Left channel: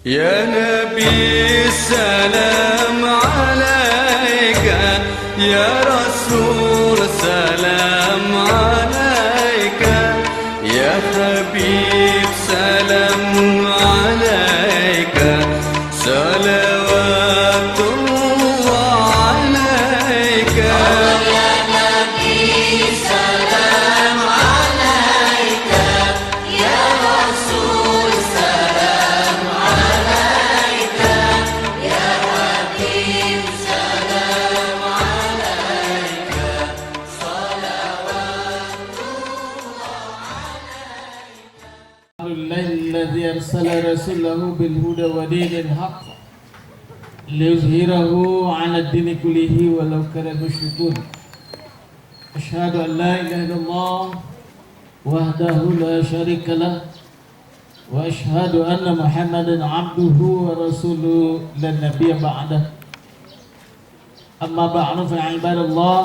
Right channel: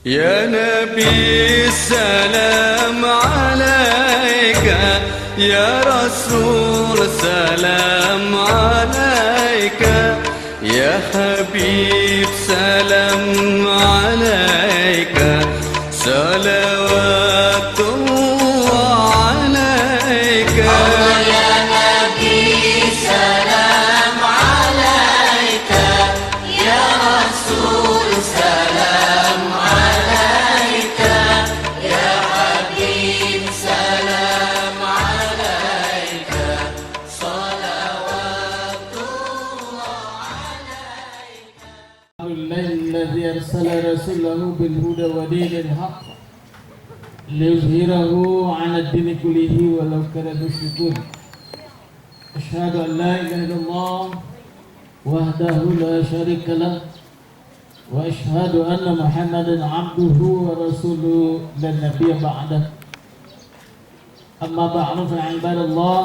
يا نبي السلام عليك، يا رسول سلام عليك، يا حبيب سلام عليك، صلوات الله عليك. يا نبي سلام عليك، يا رسول سلام عليك، يا حبيب سلام عليك، صلوات الله الذي أرسل رسوله بالهدى ودين الحق ليظهره على الدين كله ولو كره المشركون. أشهد أن لا إله إلا الله وحده لا شريك له، وأشهد أن محمدا عبده ورسوله لا نبي بعده. أما بعد فيا عباد الله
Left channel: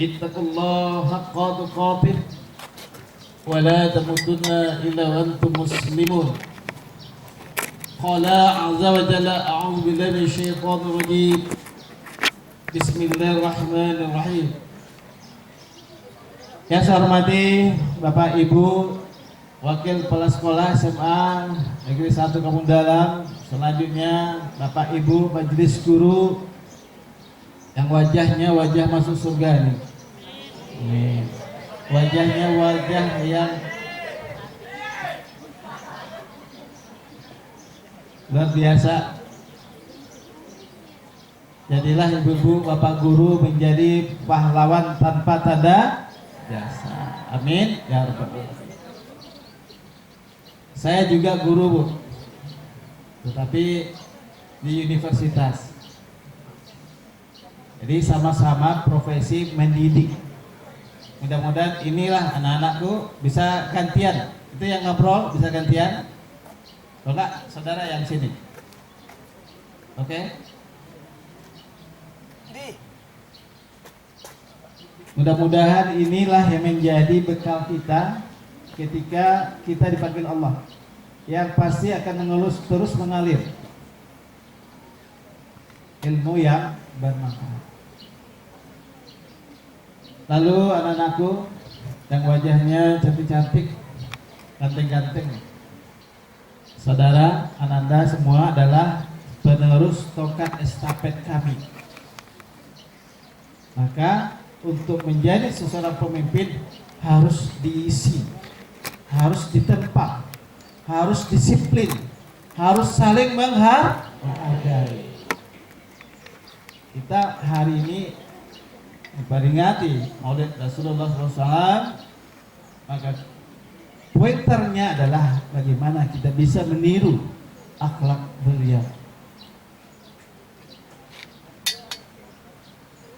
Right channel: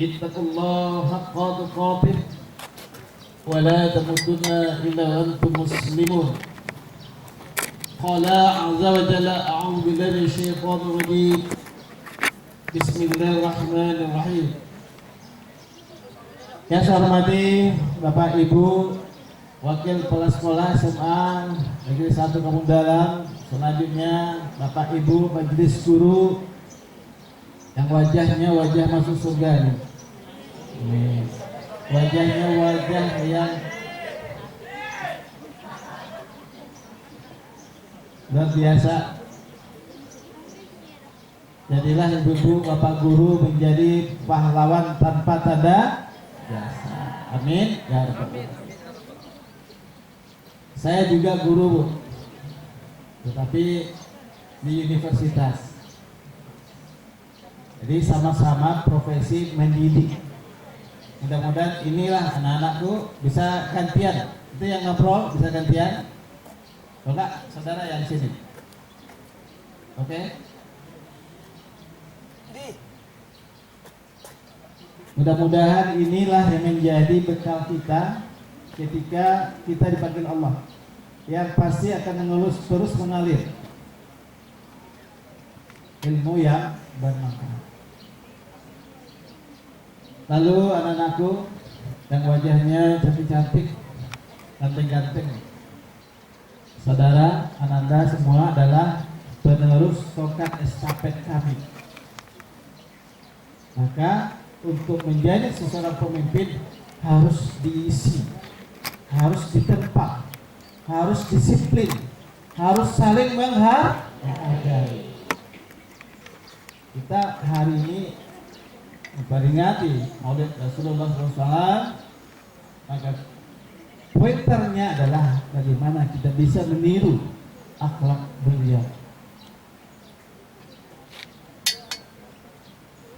اتقوا الله حق تقاته ولا تموتن إلا وأنتم مسلمون. قال عز وجل أعوذ بالله من الشيطان الرجيم بسم الله الرحمن الرحيم. Yang saya hormati Bapak Ibu Wakil Kepala Sekolah SMA Negeri 1 Kampung Dalam, selanjutnya Bapak Ibu Majelis Guru yang wajahnya wajah masuk surga nih. Ini wajahnya wajah yang luar biasa. Jadilah ibu-ibu, bapak guru menjadi pahlawan tanpa tanda jasa. Amin ya rabbal alamin. Saya juga guru, Bu, tetapi di universitas. Jadi sama-sama profesi mendidik. Mudah-mudahan inilah anak-anakku bisa gantian. Itu yang ngobrol bisa gantian. Kalau enggak, saudara yang sini. Oke? Mudah-mudahan inilah yang menjadi bekal kita ketika kita dipanggil Allah, yang pasti akan terus mengalir ilmu yang bermanfaat. Lalu anak-anakku yang wajahnya cantik-cantik, ganteng-ganteng, saudara Ananda semua adalah penerus tongkat estafet kami. Maka untuk menjadi seorang pemimpin harus diisi, harus ditempa, harus disiplin, harus saling menghargai. Kita hari ini memperingati Maulid Rasulullah SAW, maka pointernya adalah bagaimana kita bisa meniru akhlak beliau.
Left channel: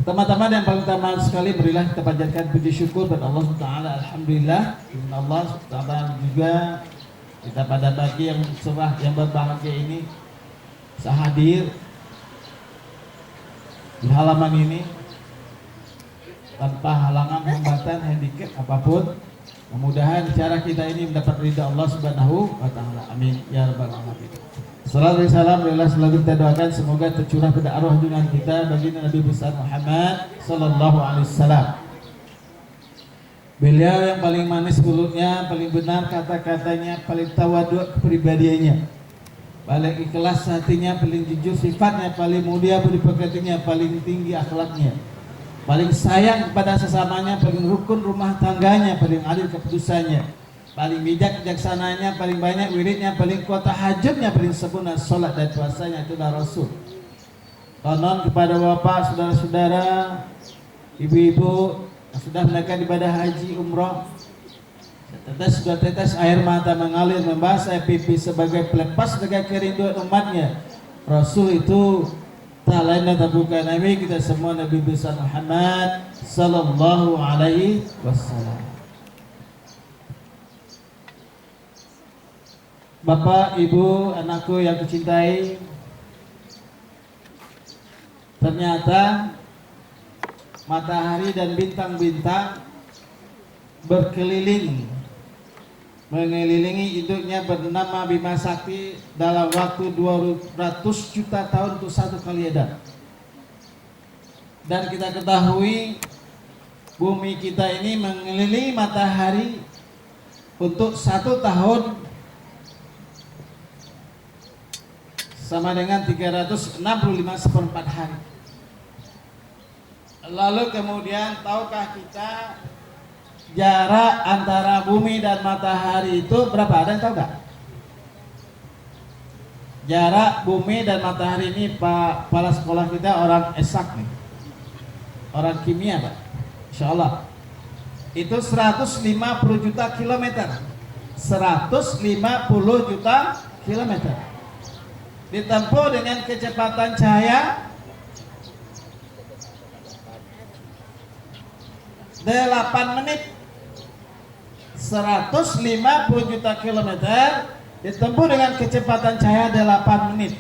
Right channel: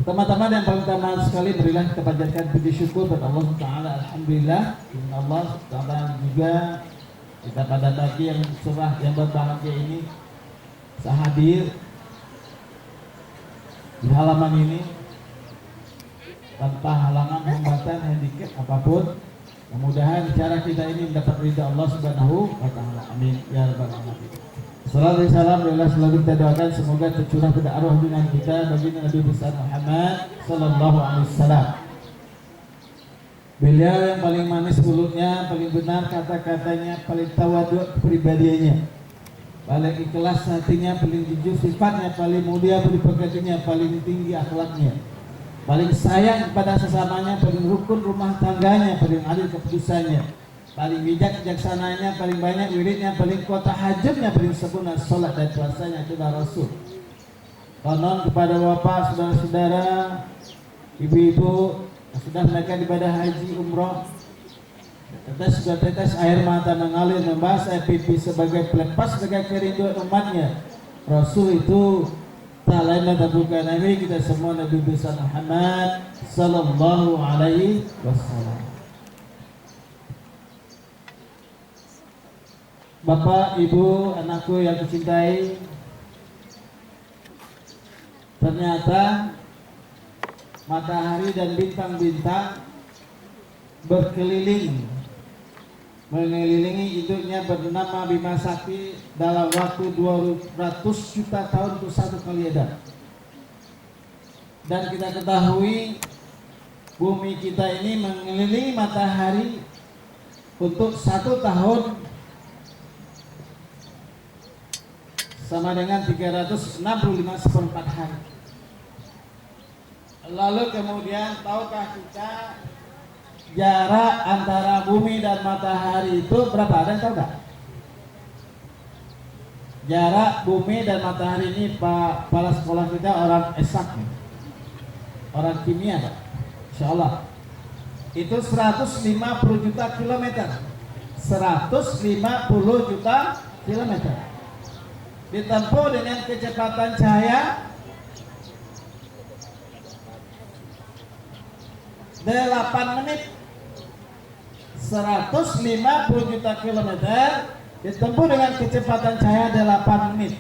Teman-teman, yang paling utama sekali berilah kita panjatkan puji syukur kepada Allah Taala. Alhamdulillah, Allah Taala juga kita pada pagi yang cerah yang berbahagia ini sehadir di halaman ini tanpa halangan, hambatan, handicap apapun. Mudah-mudahan cara kita ini mendapat ridha Allah Subhanahu wa taala. Amin ya rabbal alamin. Sallallahu alaihi wasallam, selalu kita doakan semoga tercurah pada arwah junjungan kita baginda Nabi besar Muhammad sallallahu alaihi wasallam. Beliau yang paling manis mulutnya, paling benar kata-katanya, paling tawadhu kepribadiannya, paling ikhlas hatinya, paling jujur sifatnya, paling mulia budi pekertinya, paling tinggi akhlaknya, paling sayang kepada sesamanya, paling rukun rumah tangganya, paling adil keputusannya, paling bijak bijaksananya, paling banyak wiridnya, paling kuat tahajudnya, paling sempurna salat dan puasanya. Itulah Rasul. Konon kepada bapak, saudara-saudara, ibu-ibu yang sudah melakukan ibadah haji umroh, tetes air mata mengalir membasah pipi sebagai pelepas sebagai kerinduan umatnya. Rasul itu tak lain dan bukan Nabi kita semua, Nabi besar Muhammad sallallahu alaihi wasallam. Bapak, Ibu, anakku yang kucintai, ternyata matahari dan bintang-bintang berkeliling mengelilingi induknya bernama Bima Sakti dalam waktu 200 juta tahun untuk satu kali edar. Dan kita ketahui bumi kita ini mengelilingi matahari untuk 1 tahun sama dengan 365 hari. Lalu kemudian tahukah kita jarak antara bumi dan matahari itu berapa? Ada yang tahu nggak? Jarak bumi dan matahari ini Pak kepala sekolah kita orang esak nih, orang kimia Pak, Insya Allah itu 150 juta kilometer, 150 juta kilometer ditempuh dengan kecepatan cahaya 8 menit. 150 juta kilometer ditempuh dengan kecepatan cahaya 8 menit.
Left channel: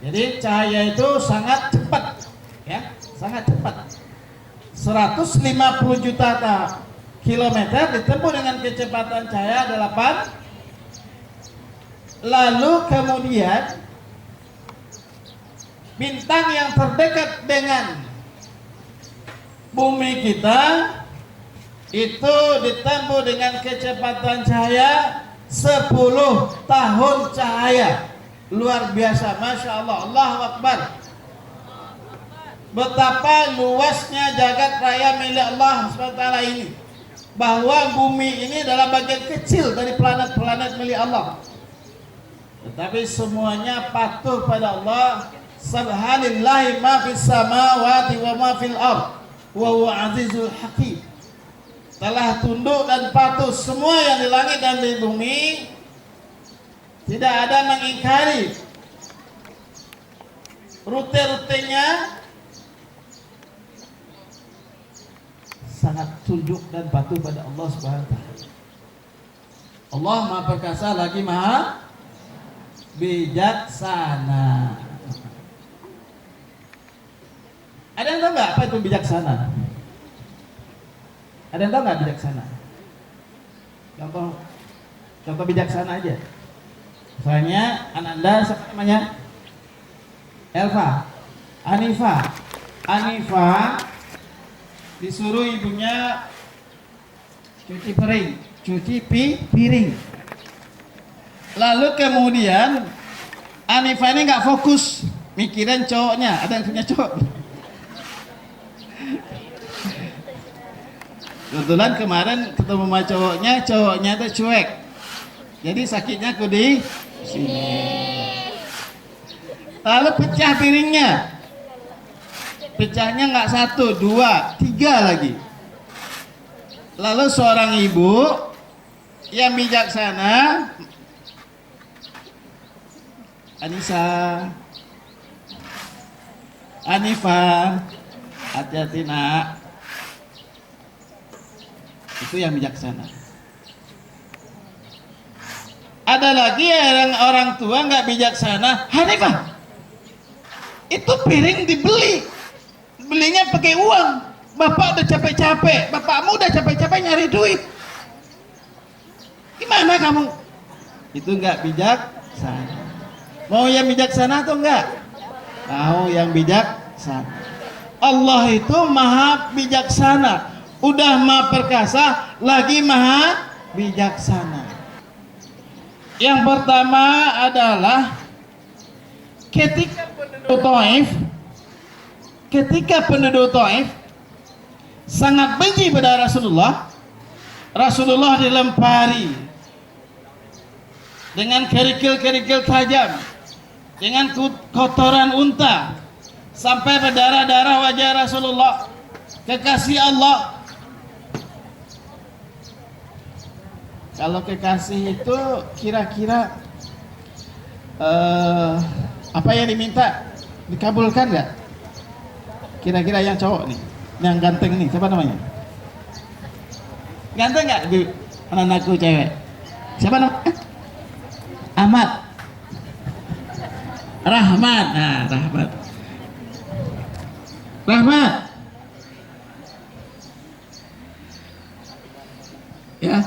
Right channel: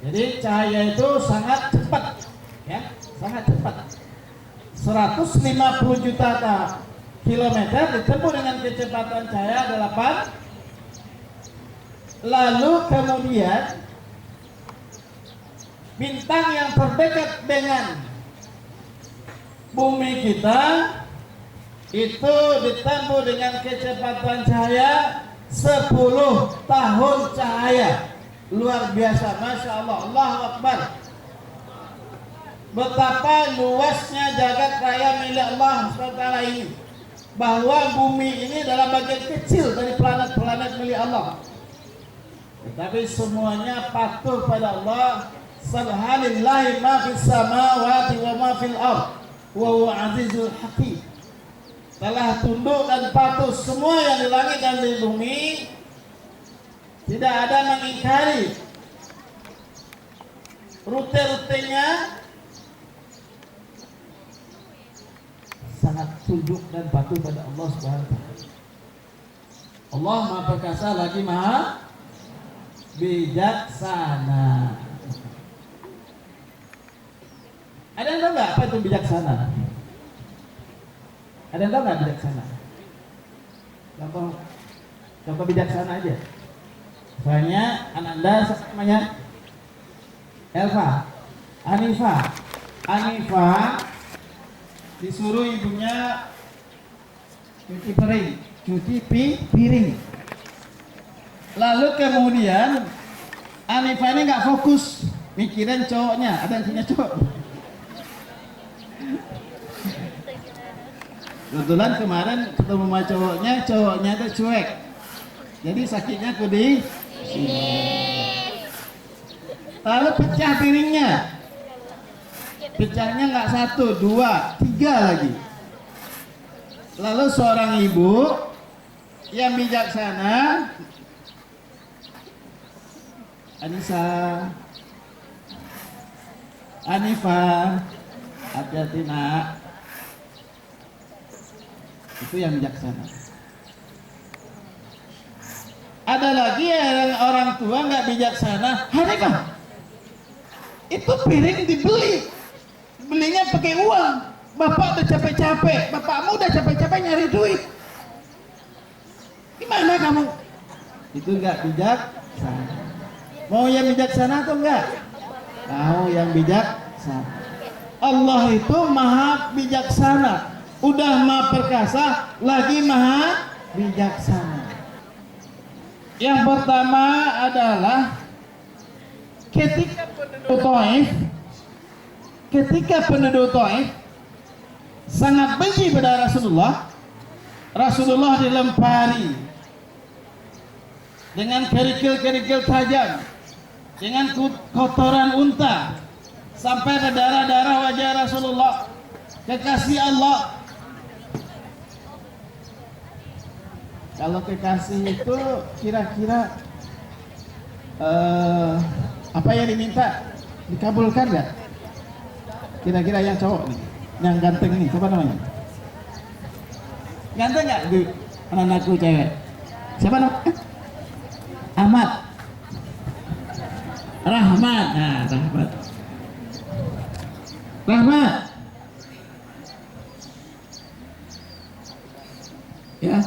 Jadi cahaya itu sangat cepat, ya, sangat cepat. 150 juta kilometer ditempuh dengan kecepatan cahaya 8. Lalu kemudian bintang yang terdekat dengan bumi kita itu ditempuh dengan kecepatan cahaya 10 tahun cahaya. Luar biasa, Masya Allah, Allahu Akbar. Betapa luasnya jagat raya milik Allah SWT ini, bahwa bumi ini adalah bagian kecil dari planet-planet milik Allah, tetapi semuanya patuh pada Allah. Subhanallahi ma fis samawati wa ma fil ardh wa huwa azizul hakim. Telah tunduk dan patuh semua yang di langit dan di bumi, tidak ada mengingkari rute-rutenya, sangat tunduk dan patuh pada Allah Subhanahu wa taala. Allah Maha Perkasa lagi Maha Bijaksana. Ada yang tahu nggak apa itu bijaksana? Ada yang tahu nggak bijaksana? Contoh bijaksana aja. Misalnya anak Anda namanya Elva, Anifa disuruh ibunya cuci piring. Lalu kemudian Anifa ini nggak fokus mikirin cowoknya. Ada yang punya cowok? Kebetulan kemarin ketemu sama cowoknya itu cuek. Jadi sakitnya aku di sini. Lalu pecah piringnya. Pecahnya nggak 1, 2, 3 lagi. Lalu seorang ibu yang bijaksana, Anifa, hati-hati nak. Itu yang bijaksana. Ada lagi yang orang tua nggak bijaksana. Hanifah, itu piring belinya pakai uang. Bapak udah capek-capek, bapakmu udah capek-capek nyari duit. Gimana kamu? Itu nggak bijaksana. Mau yang bijaksana atau enggak? Mau yang bijaksana. Allah itu maha bijaksana. Udah maha perkasa, lagi maha bijaksana. Yang pertama adalah ketika penduduk Taif sangat benci pada Rasulullah dilempari dengan kerikil-kerikil tajam, dengan kotoran unta, sampai berdarah-darah wajah Rasulullah, kekasih Allah. Kalau kekasih itu kira-kira apa yang diminta dikabulkan nggak? Kira-kira yang cowok nih, yang ganteng nih, siapa namanya? Ganteng nggak? Anak-anakku cewek. Siapa namanya? Ahmad, Rahmat. Nah, Rahmat. Ya.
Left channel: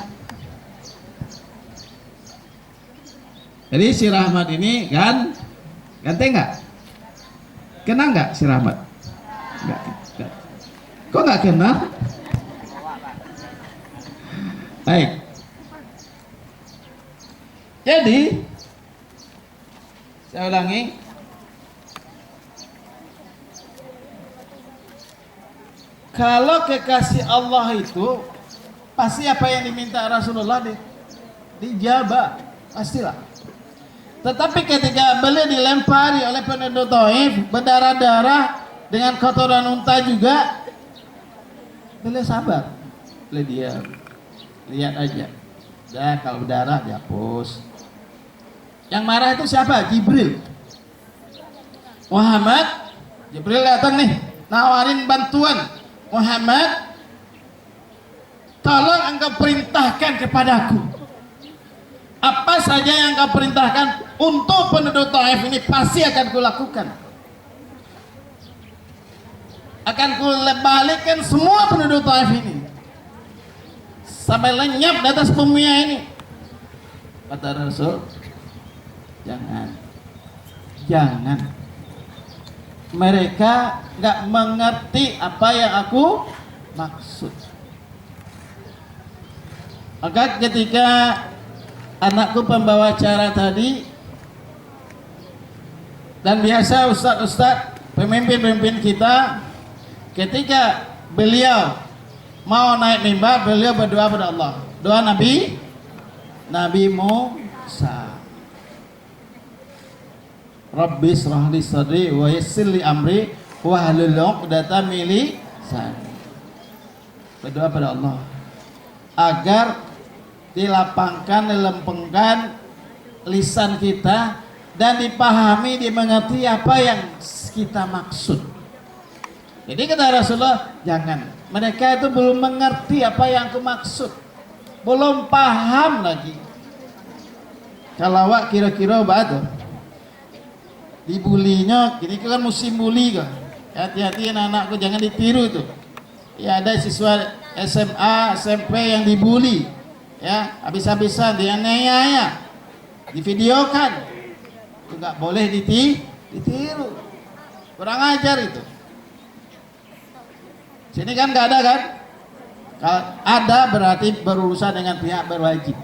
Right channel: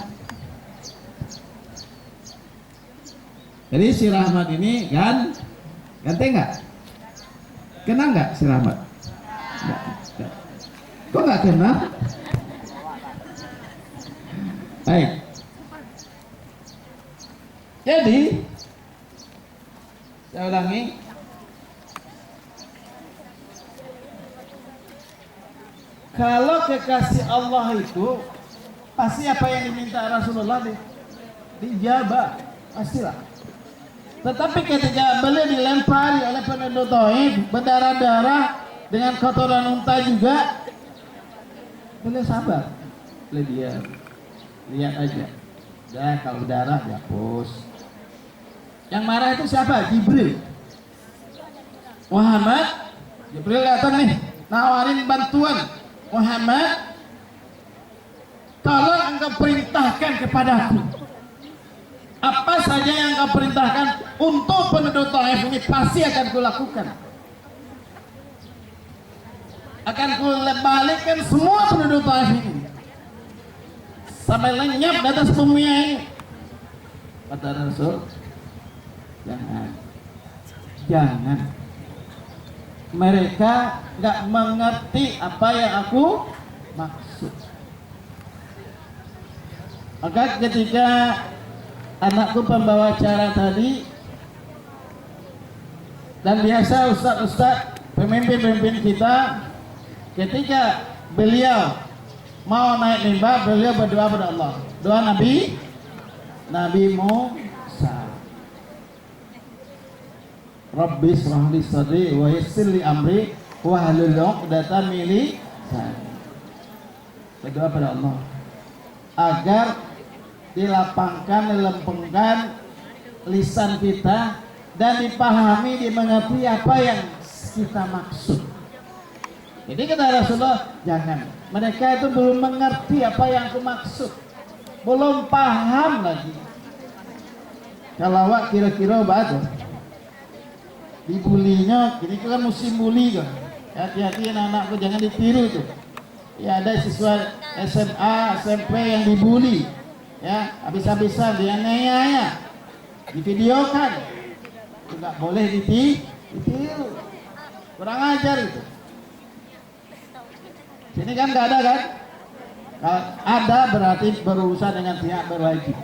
Jadi si Rahmat ini kan ganteng nggak? Kenal nggak si Rahmat? Nggak. Kok nggak kenal? Baik. Jadi saya ulangi. Kalau kekasih Allah itu pasti apa yang diminta Rasulullah dijabah, pastilah. Tetapi ketika beliau dilempari oleh penduduk Taif berdarah-darah dengan kotoran unta juga, beliau sabar, beliau diam, lihat aja. Dah kalau berdarah dihapus. Yang marah itu siapa? Jibril. Muhammad, Jibril datang nih, nawarin bantuan. Muhammad, tolong engkau perintahkan kepadaku apa saja yang engkau perintahkan untuk penduduk Taif ini pasti akan kulakukan. Akan kubalikkan semua penduduk Taif ini sampai lenyap di atas bumi ini. Kata Rasul, jangan. Mereka nggak mengerti apa yang aku maksud. Maka ketika anakku pembawa acara tadi, dan biasa ustadz-ustadz pemimpin-pemimpin kita, ketika beliau mau naik mimbar, beliau berdoa pada Allah. Doa Nabi Musa. Rabbi shrah li sadri wa yassir li amri wahlul 'uqdatam min lisani. Berdoa pada Allah agar dilapangkan, dilempengkan lisan kita dan dipahami, dimengerti apa yang kita maksud. Jadi kata Rasulullah, jangan. Mereka itu belum mengerti apa yang aku maksud, belum paham lagi. Kalau awak kira-kira batu dibulinya, ini kan musim bully kan. Hati-hati anak-anakku, jangan ditiru itu. Ya, ada siswa SMA, SMP yang dibully, ya, habis-habisan dianiaya, divideokan. Itu nggak boleh ditiru. Kurang ajar itu. Sini kan nggak ada kan? Kalau ada berarti berurusan dengan pihak berwajib.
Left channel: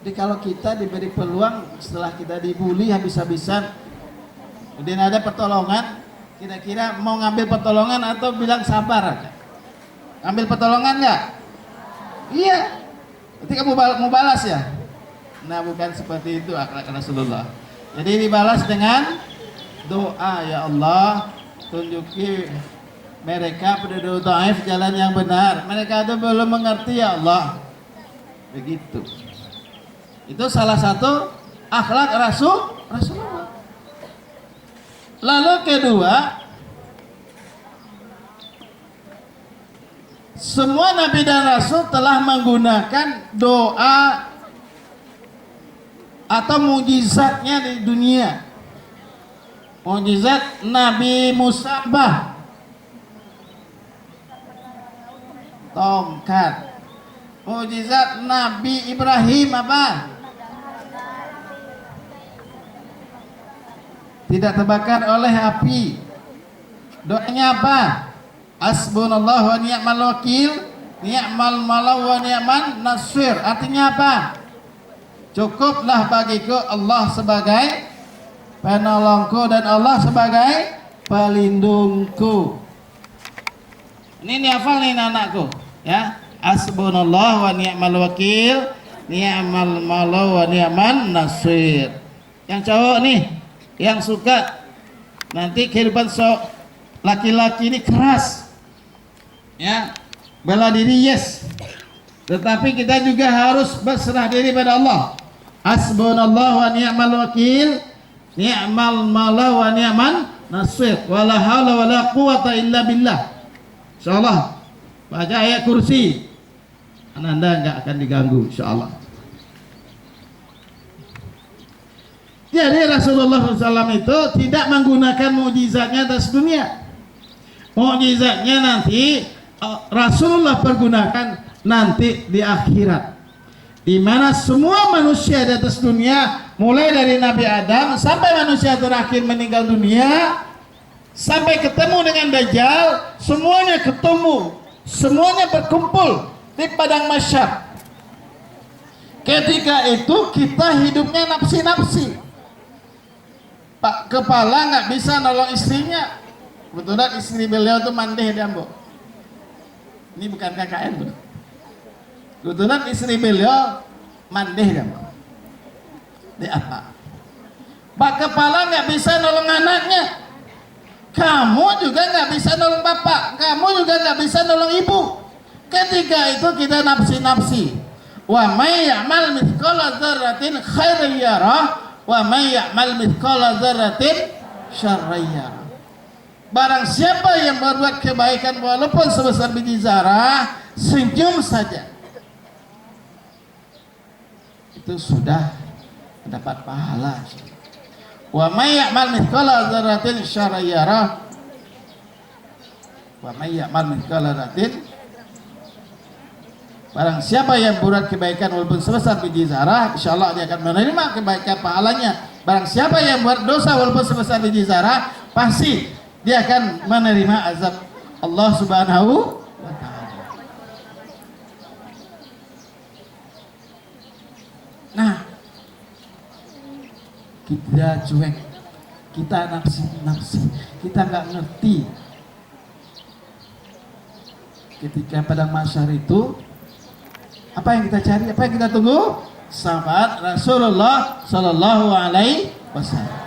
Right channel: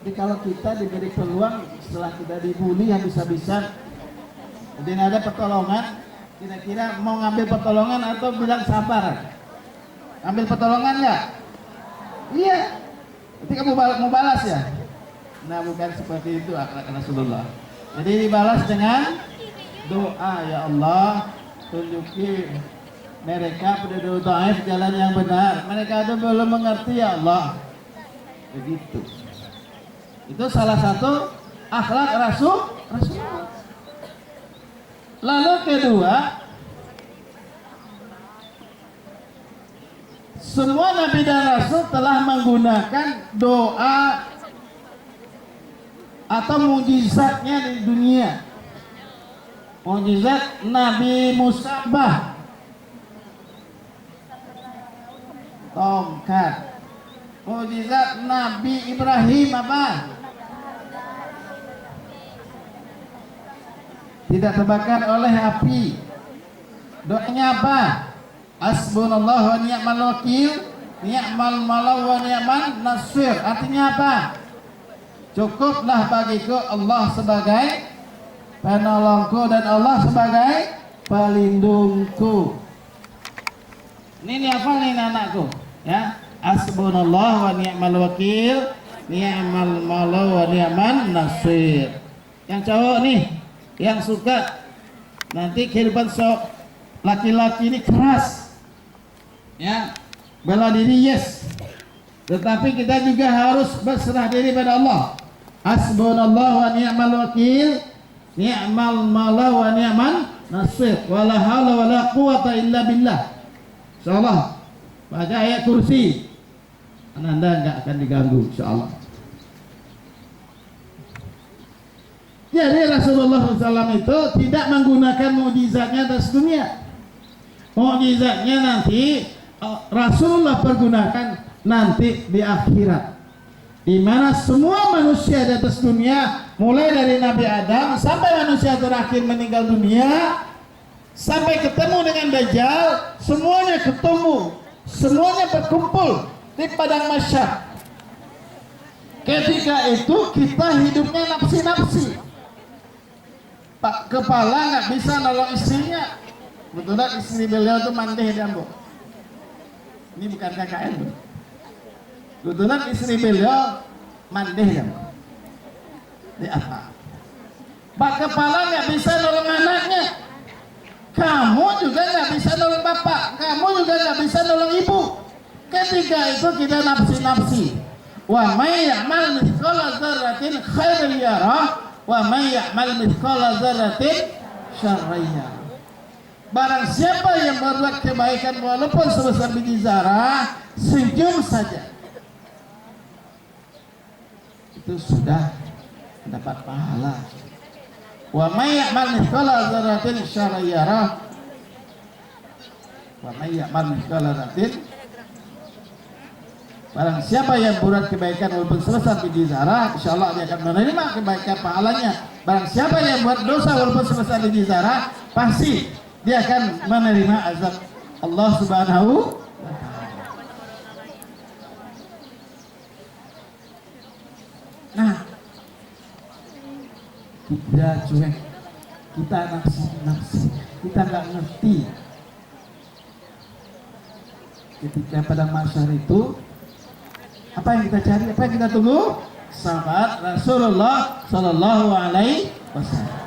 Jadi kalau kita diberi peluang setelah kita dibully habis-habisan, kemudian ada pertolongan, kira-kira mau ngambil pertolongan atau bilang sabar aja? Ngambil pertolongan nggak? Iya. Nanti kamu mau balas ya? Nah, bukan seperti itu akhlak Rasulullah. Jadi dibalas dengan doa, ya Allah, tunjuki mereka penduduk Taif jalan yang benar. Mereka itu belum mengerti, ya Allah. Begitu. Itu salah satu akhlak Rasulullah. Lalu kedua, semua nabi dan rasul telah menggunakan doa atau mujizatnya di dunia. Mujizat Nabi Musa tongkat. Mujizat Nabi Ibrahim apa? Tidak terbakar oleh api. Doanya apa? Hasbunallahu wa ni'mal wakil, ni'mal maula wa ni'man nasir. Artinya apa? Cukuplah bagiku Allah sebagai penolongku dan Allah sebagai pelindungku. Ini hafal nih anakku, ya. Hasbunallahu wa ni'mal wakil, ni'mal maula wa ni'man nasir. Yang cowok nih, yang suka nanti kehidupan laki-laki ini keras, ya, bela diri, yes, tetapi kita juga harus berserah diri pada Allah. Hasbunallahu wa ni'mal wakil, ni'mal maula wa ni'man nasir, wala haula wala quwata illa billah. Insyaallah baca ayat kursi, Anda enggak akan diganggu insyaallah. Jadi Rasulullah SAW itu tidak menggunakan mukjizatnya atas dunia. Mukjizatnya nanti Rasulullah pergunakan nanti di akhirat, di mana semua manusia di atas dunia, mulai dari Nabi Adam sampai manusia terakhir meninggal dunia, sampai ketemu dengan Dajjal, semuanya ketemu, semuanya berkumpul di padang mahsyar. Ketika itu kita hidupnya nafsi-nafsi. Pak kepala nggak bisa nolong istrinya. Kebetulan istri beliau itu mandeh di Ambo. Ini bukan KKN bro. Kebetulan istri beliau mandeh di Ambo. Di apa? Pak kepala nggak bisa nolong anaknya. Kamu juga nggak bisa nolong bapak. Kamu juga nggak bisa nolong ibu. Ketika itu kita nafsi-nafsi. Wa may ya'mal mithqala dzarratin khairan yarah wa may ya'mal mithqala dzarratin syarran yarah. Barang siapa yang berbuat kebaikan walaupun sebesar biji zarah, senyum saja, itu sudah mendapat pahala. Wa may ya'mal mithqala dzarratin syarran yarah wa may ya'mal mithqala dzarratin. Barang siapa yang berbuat kebaikan walaupun sebesar biji zarah, insyaallah dia akan menerima kebaikan pahalanya. Barang siapa yang buat dosa walaupun sebesar biji zarah, pasti dia akan menerima azab Allah Subhanahu wa taala. Nah, kita cuek, kita nafsi, kita nggak ngerti. Ketika padang mahsyar itu, apa yang kita cari, apa yang kita tunggu? Sahabat Rasulullah Sallallahu Alaihi Wasallam.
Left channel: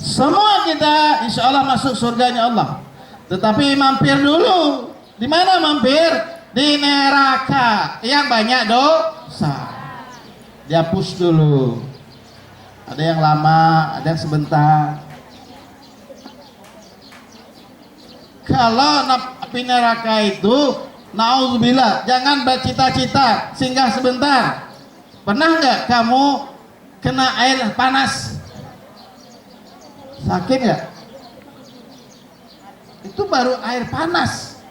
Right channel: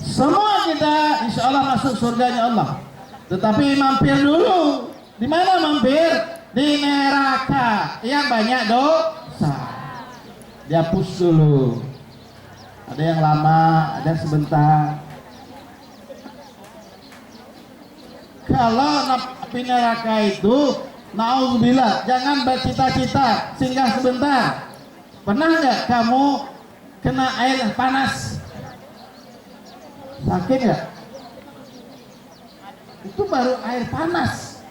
Semua kita insya Allah masuk surganya Allah. Tetapi mampir dulu. Di mana mampir? Di neraka yang banyak dosa. Dihapus dulu. Ada yang lama, ada yang sebentar. Kalau api neraka itu, na'udzubillah, jangan bercita-cita singgah sebentar. Pernah nggak kamu kena air panas? Sakit nggak? Itu baru air panas.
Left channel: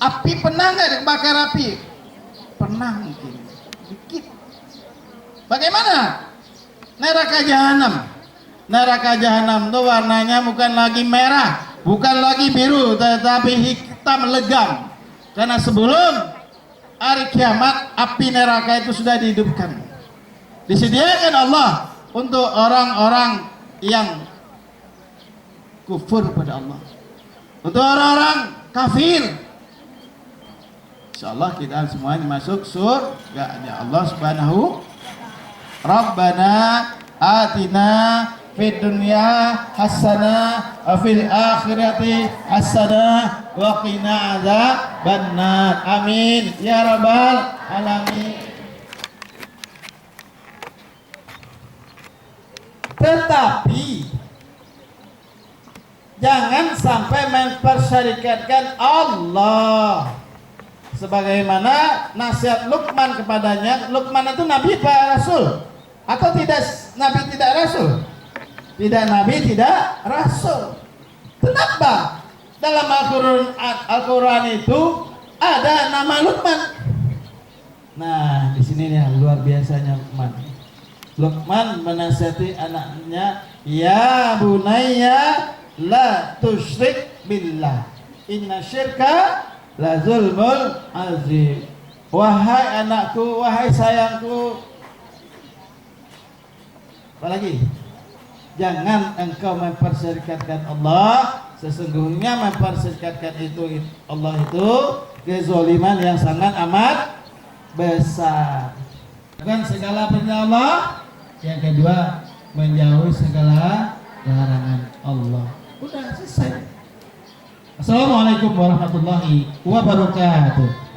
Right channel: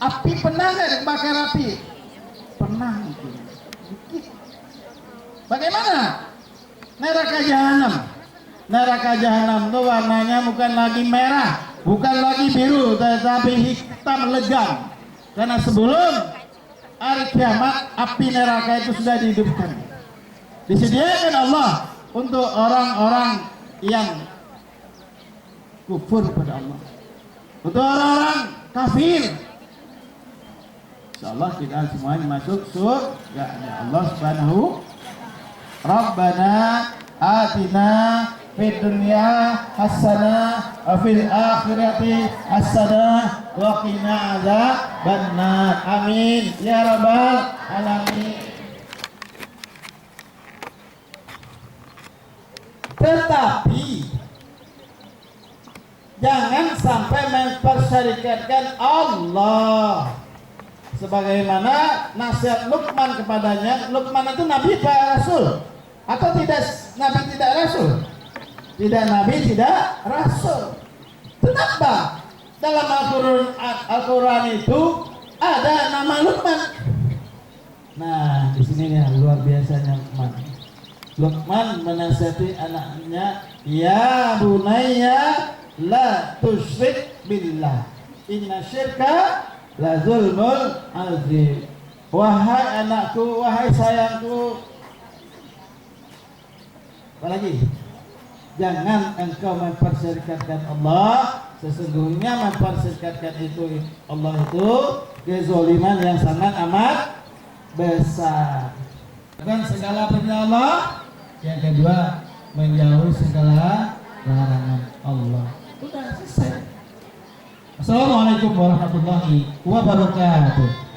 Api pernah nggak dibakar api? Pernah mungkin, dikit. Bagaimana? Neraka jahanam. Neraka jahanam itu warnanya bukan lagi merah, bukan lagi biru, tetapi hitam legam. Karena sebelum hari kiamat api neraka itu sudah dihidupkan. Disediakan Allah untuk orang-orang yang kufur pada Allah, untuk orang-orang kafir. Insyaallah kita semuanya masuk surga Allah Subhanahu. Rabbana atina fid dunya hasanah wa fil akhirati hasanah wa qina adzabannar. Amin ya rabbal alamin. Tetapi jangan sampai mempersyarikatkan Allah. Sebagaimana nasihat Luqman kepadanya. Luqman itu nabi apa rasul? Atau tidak nabi tidak rasul? Tidak nabi tidak rasul. Kenapa dalam Al-Quran itu ada nama Luqman? Nah, di sini nih luar biasanya Luqman. Luqman menasihati anaknya, ya bunayya la tusyrik billah, inna syirka la zulmul azim. Wahai anakku, wahai sayangku, apalagi, jangan engkau memperserikatkan Allah. Sesungguhnya memperserikatkan itu Allah itu kezaliman yang sangat amat besar. Bukan segala perintah Allah. Yang kedua, menjauhi segala larangan Allah. Udah selesai. Assalamualaikum warahmatullahi wabarakatuh.